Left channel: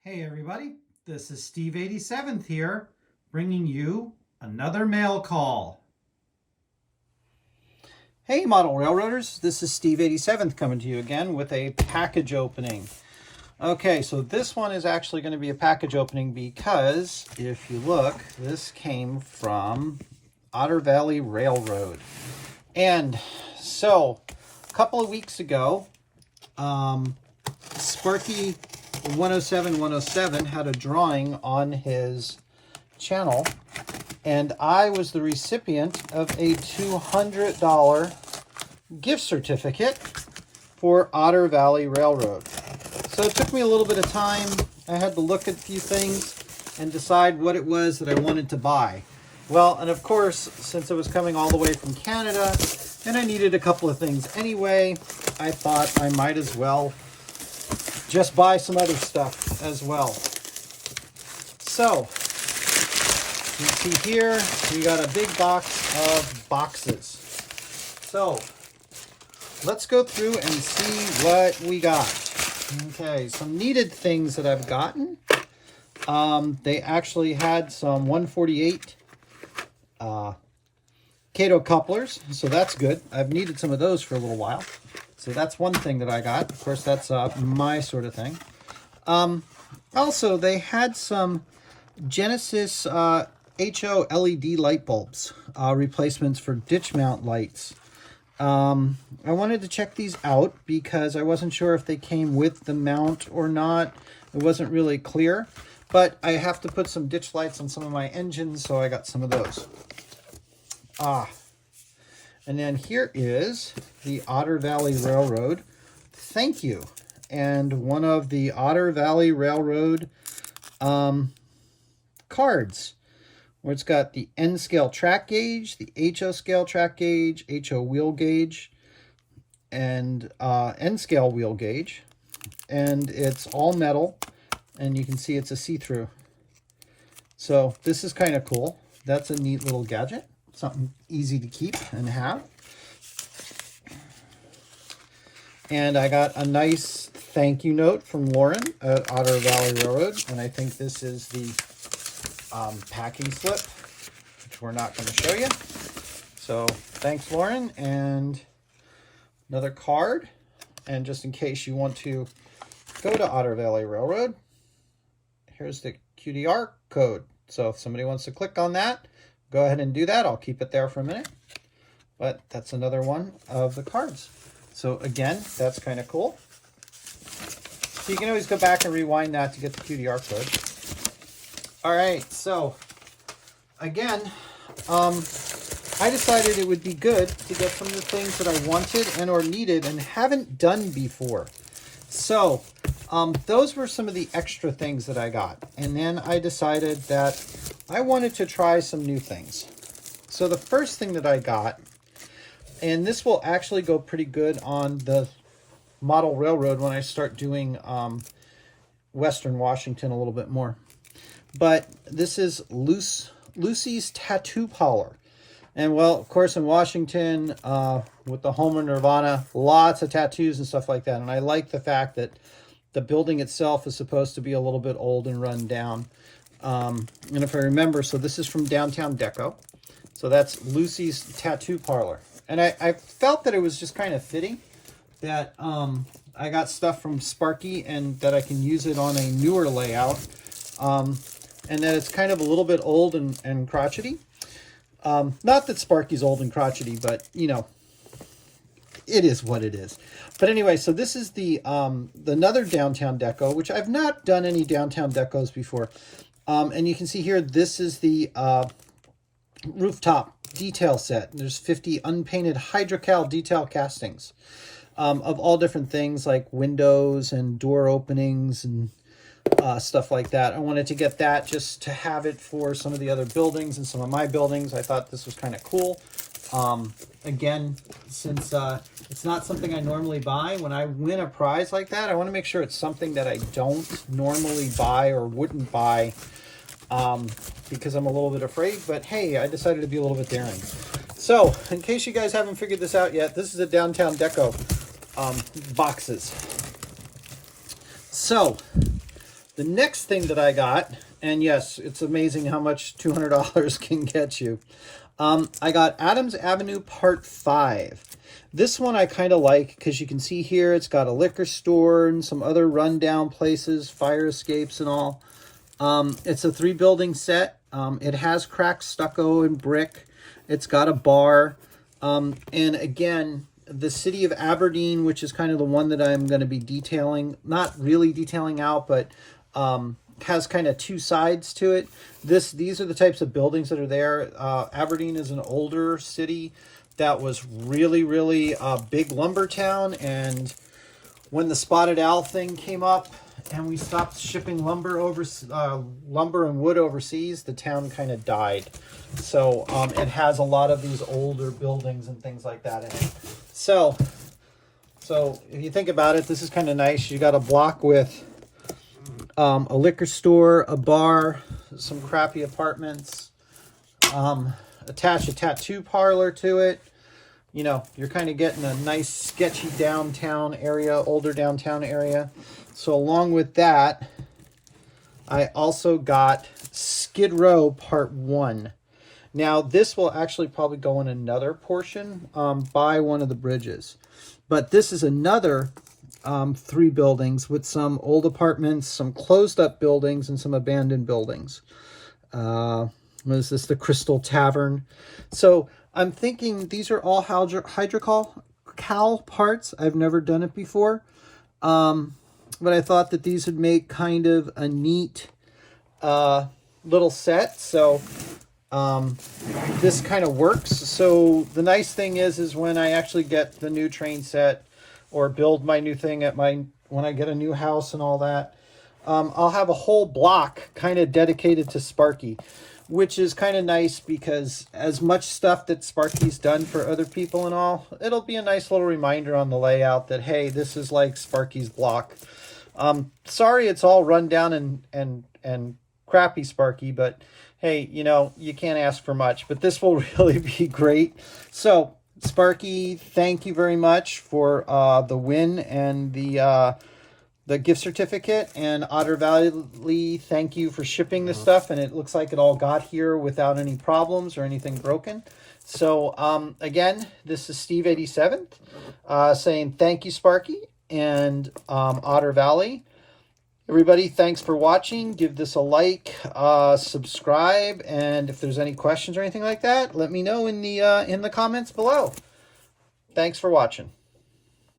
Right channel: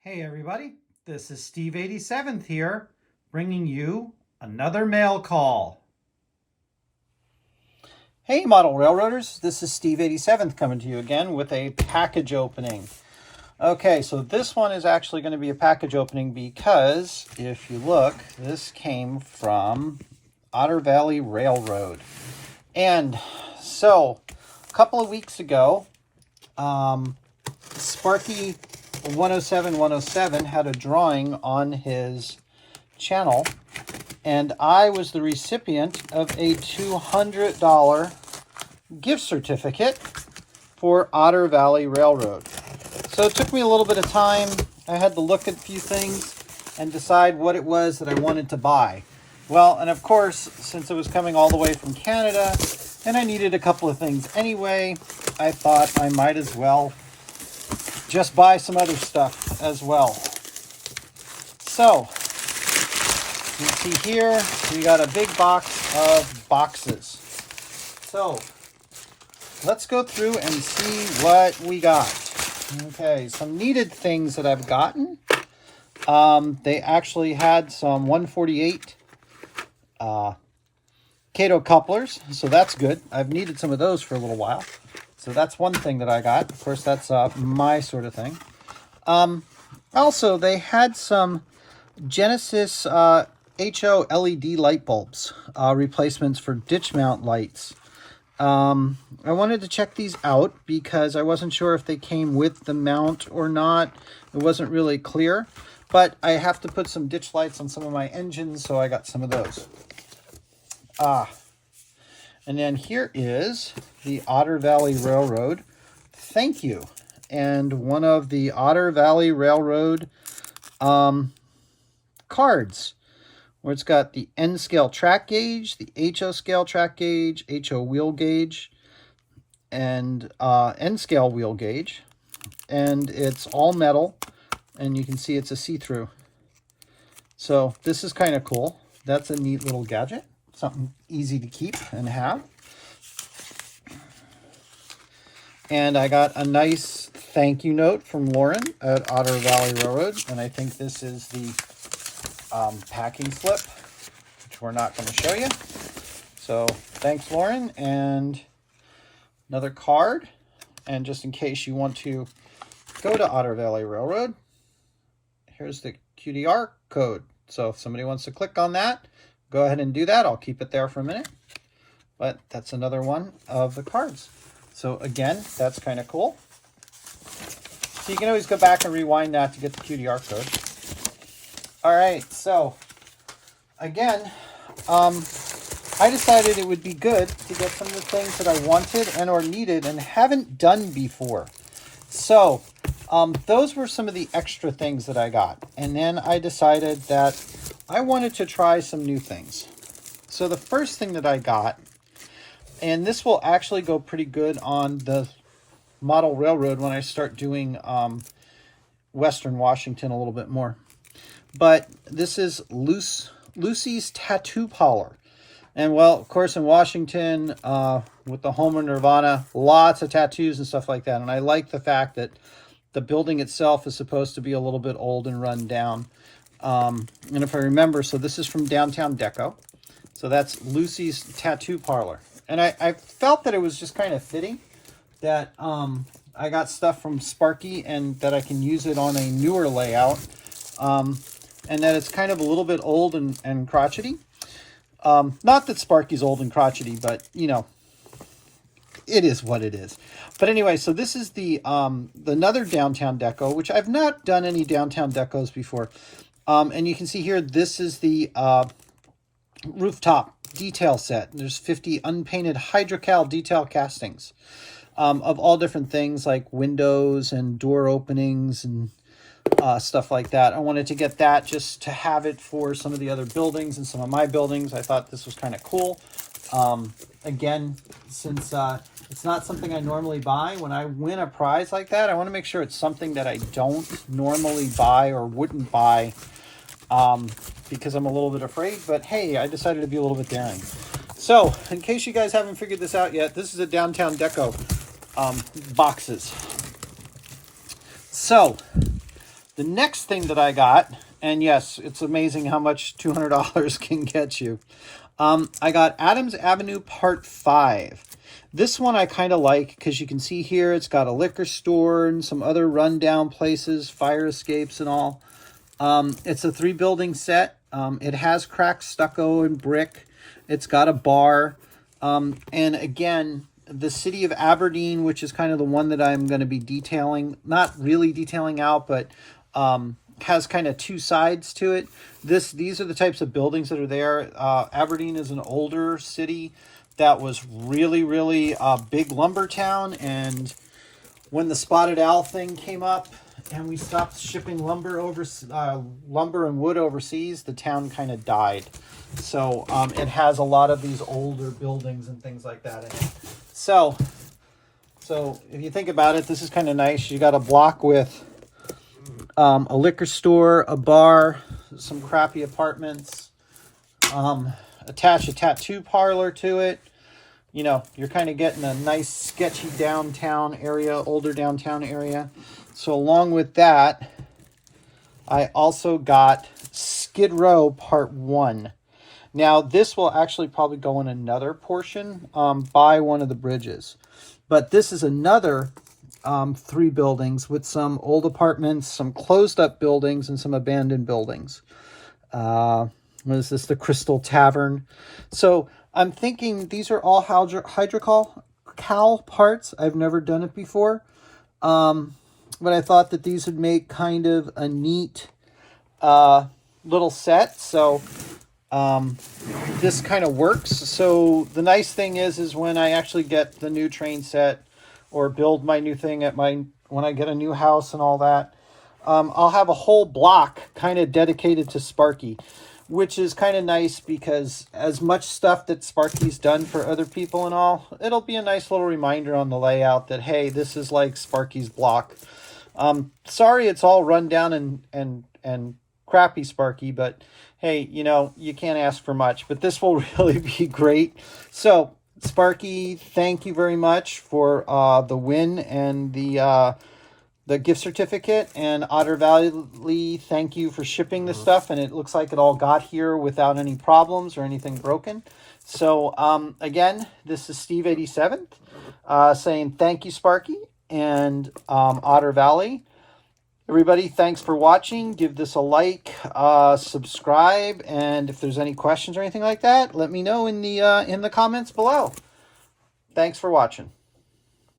Hey everybody, this is Steve 87th here, bringing you another mail call. Hey model railroaders, this is Steve 87th coming to you again with a package opening. Okay, so this one is actually going to be a package opening because if you look, this came from Otter Valley Railroad. And so a couple of weeks ago, Sparky 107 had a drawing on his channel, and I was the recipient of a $200 gift certificate for Otter Valley Railroad. So it took me a little bit of time. I had to look at a few things and decide what it was that I wanted to buy. Well, and of course, since it was coming all the way from Canada and I needed a couple of things anyway, I thought I might as well just buy some other stuff as well. So, you see here, we got a big box of boxes. So, let's go through and see what we got. Okay, some needed things that I've gotten. They actually had some 148 Cato couplers, so that's good. I've needed some of those for a little while. So that's one thing that I got. Of course, that's my sort of thing. Also, they had some Genesis HO LED light bulbs, replacements for ditch mount lights. I wanted to check these out because I wasn't sure if they came with the mount or not. It wasn't really clear, but I have to put some ditch lights on some of my engines, so I got some of those. And then here is the Otter Valley Railroad thank you. And one of the Otter Valley Railroad cards, where it's got the N scale track gauge, the HO scale track gauge, HO wheel gauge, and N scale wheel gauge. And it's all metal, and you can see it's a see-through. So this is kind of cool. That's a neat little gadget. Something easy to keep and have. And I got a nice thank you note from Lauren at Otter Valley Railroad. And I think this is the packing slip, which we're not going to show you. So thanks, Lauren. And another card. And just in case you want to go to Otter Valley Railroad, here's the QDR code. So if somebody wants to click on that, go ahead and do that. I'll keep it there for a minute. But that's another one of the cards. So again, that's kind of cool. So you can always go back and rewind that to get the QDR code. All right, so again, I decided it would be good to get some of the things that I wanted and or needed and haven't done before. So those were some of the extra things that I got. And then I decided that I wanted to try some new things. So the first thing that I got, and this will actually go pretty good on the model railroad when I start doing Western Washington a little bit more. But this is Lucy's Tattoo Parlor. And well, of course, in Washington, with the Homer Nirvana, lots of tattoos and stuff like that. And I like the fact that the building itself is supposed to be a little bit old and run down. And if I remember, so this is from Downtown Deco. So that's Lucy's Tattoo Parlor. And I felt that it was just kind of fitting that I got stuff from Sparky and that I can use it on a newer layout. And that it's kind of a little bit old and crotchety. Not that Sparky's old and crotchety, but, you know, it is what it is. But anyway, so this is the another downtown deco, which I've not done any downtown decos before. And you can see here, this is the rooftop detail set. There's 50 unpainted hydrocal detail castings of all different things like windows and door openings and stuff like that. I wanted to get that just to have it for some of the other buildings and some of my buildings. I thought this was kind of cool. Again, since it's not something I normally buy, when I win a prize like that, I want to make sure it's something that I don't normally buy or wouldn't buy because I'm a little bit afraid. But hey, I decided to be a little bit daring. So, in case you guys haven't figured this out yet, this is a Downtown Deco boxes. So, the next thing that I got, and yes, it's amazing how much $200 can get you. I got Adams Avenue Part 5. This one I kind of like because you can see here it's got a liquor store and some other rundown places, fire escapes and all. It's a 3-building set. It has cracked stucco and brick. It's got a bar. And again, the city of Aberdeen, which is kind of the one that I'm going to be detailing, not really detailing out, but has kind of 2 sides to it. These are the types of buildings that are there. Aberdeen is an older city that was really, really a big lumber town. And when the Spotted Owl thing came up and we stopped shipping lumber and wood overseas, the town kind of died. So it has a lot of these older buildings and things like that in it. So if you think about it, this is kind of nice. You got a block with a liquor store, a bar, some crappy apartments, attach a tattoo parlor to it. You know, you're kind of getting a nice sketchy downtown area, older downtown area. So along with that, I also got Skid Row Part 1. Now, this will actually probably go in another portion by one of the bridges. But this is another 3 buildings with some old apartments, some closed up buildings, and some abandoned buildings. What is this? The Crystal Tavern. So I'm thinking these are all hydrocal parts. I've never done it before. But I thought that these would make kind of a neat little set. So this kind of works. So the nice thing is when I actually get the new train set or build my new thing when I get a new house and all that, I'll have a whole block kind of dedicated to Sparky, which is kind of nice because as much stuff that Sparky's done for other people and all, it'll be a nice little reminder on the layout that, hey, this is like Sparky's block. Sorry, it's all run down and crappy, Sparky, but hey, you know, you can't ask for much, but this will really be great. So Sparky, thank you very much for the win and the gift certificate. And Otter Valley, thank you for shipping this stuff. And it looks like it all got here without any problems or anything broken. So again, this is Steve 87th saying thank you, Sparky and Otter Valley. Everybody, thanks for watching. Give this a like, subscribe, and if there's any questions or anything like that, let me know in the comments below. Thanks for watching.